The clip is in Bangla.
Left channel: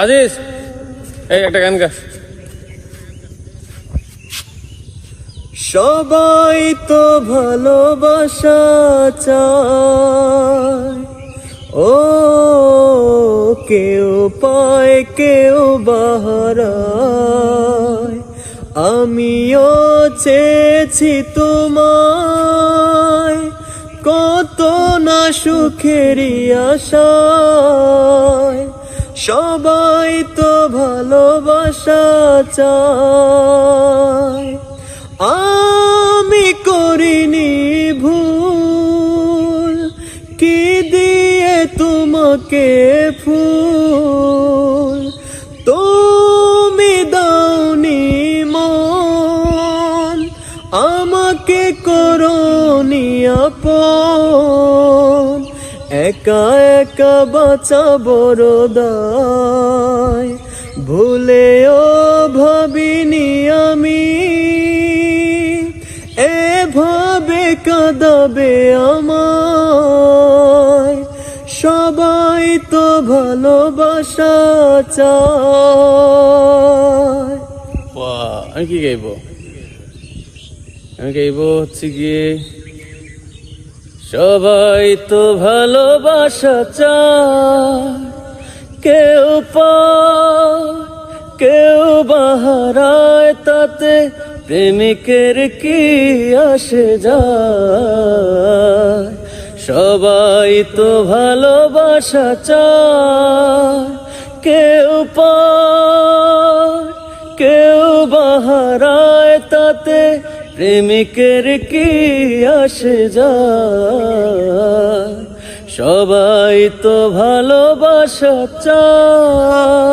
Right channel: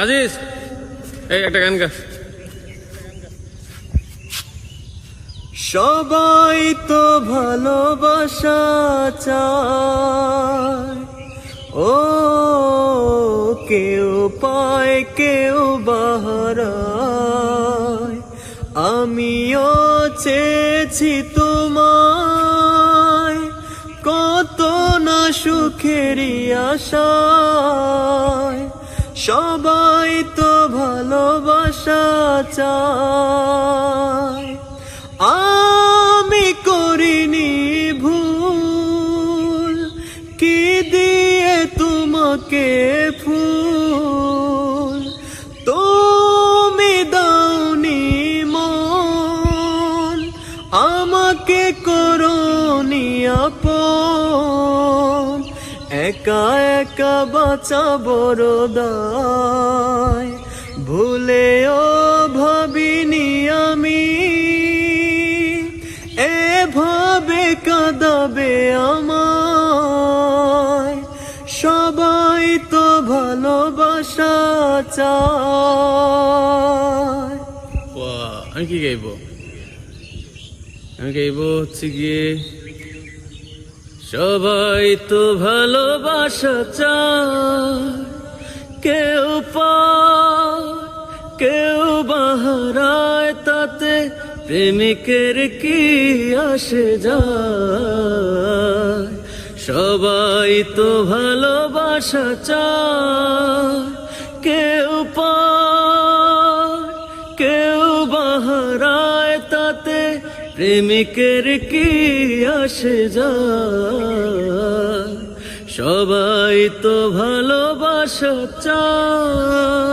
আজিজ, এই একটা গান গা। সবাই তো ভালোবাসা চায়, ও কেউ পায় কেউ বাহারায়। আমিও চেয়েছি তোমায়, কত না সুখেরই আশায়। সবাই তো ভালোবাসা চায়, আমি করিনি ভুল, কি দিয়ে তোমাকে ফুল। তুমি দাওনি মন, আমাকে করনি আপন। একা একা বাঁচা বড় দায়, ভুলেও ভাবিনি আমি এভাবে কাঁদাবে আমায়। সবাই তো ভালোবাসা চায়। আমি কি গাইব? আমি গাইব হচ্ছে গিয়ে, সবাই তো ভালোবাসা চায়, কেউ পায় কেউ বাহারায়, তাতে প্রেমিকের কি আসে যায়। সবাই তো ভালোবাসা চায়, কেউ পায় কেউ বাহারায়, তাতে প্রেমিকের কি আসে যায়। সবাই তো ভালোবাসা চায়।